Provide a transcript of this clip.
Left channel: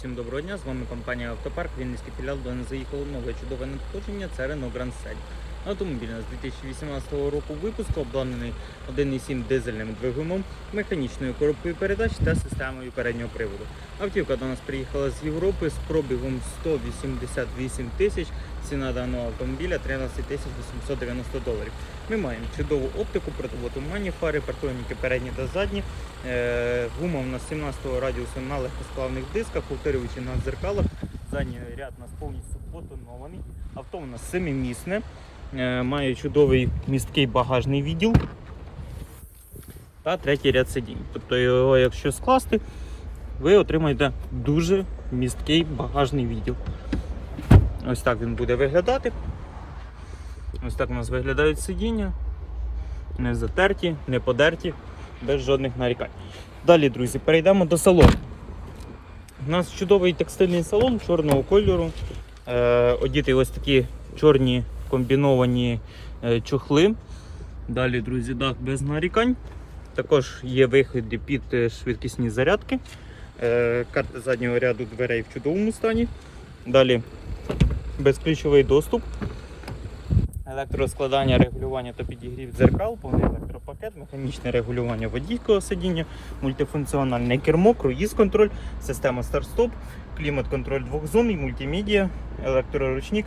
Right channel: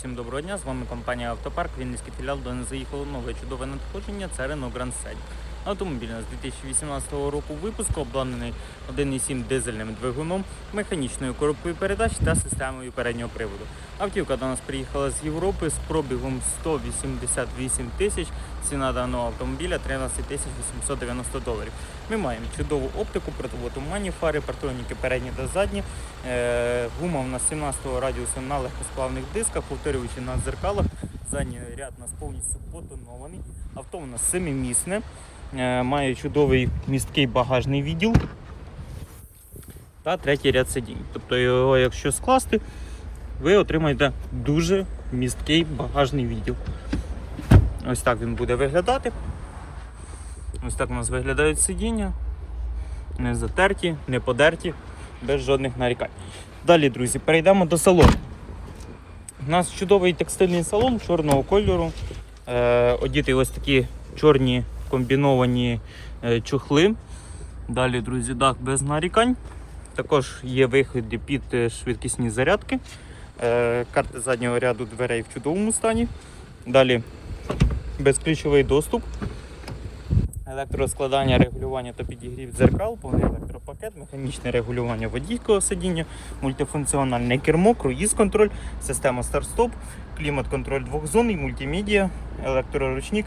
Всім доброго дня, з вами компанія Автопарк. Вінницький філіал, до нас заїхало нове чудове надходження. Це Renault Grand Scenic. Автомобіль у нас 2018 року випуску, обладнаний 1,7 дизельним двигуном, механічною коробкою передач та системою переднього приводу. Автівка до нас приїхала з Європи з пробігом 188 тисяч. Ціна даного автомобіля 13 тисяч 890 доларів. Ми маємо чудову оптику, противотуманні фари, партроніки передні та задні. Е, гума у нас 17 радіусу на легкосплавних дисках, повторюючи на дзеркалах. Задній ряд у нас повністю потонований. Авто у нас семимісне, має чудовий місткий багажний відділ та третій ряд сидінь. Тобто його, якщо скласти, ви отримаєте дуже місткий багажний відділ. Ось так він буде виглядати. Ось так у нас виглядають сидіння. Не затерті, не подерті, без жодних нарікань. Далі, друзі, перейдемо до салону. У нас чудовий текстильний салон чорного кольору. Е, одіти ось такі чорні комбіновані е, чохли. Далі, друзі, дах без нарікань. Також є виходи під е, швидкісні зарядки. Е, карти заднього ряду дверей в чудовому стані. Далі безключовий доступ. Електроскладання, регулювання та підігрів дзеркал, повний електропакет, механічне регулювання водійського сидіння, мультифункціональне кермо, круїз-контроль, система старт-стоп, клімат-контроль двохзонний, мультимедіа, електроручник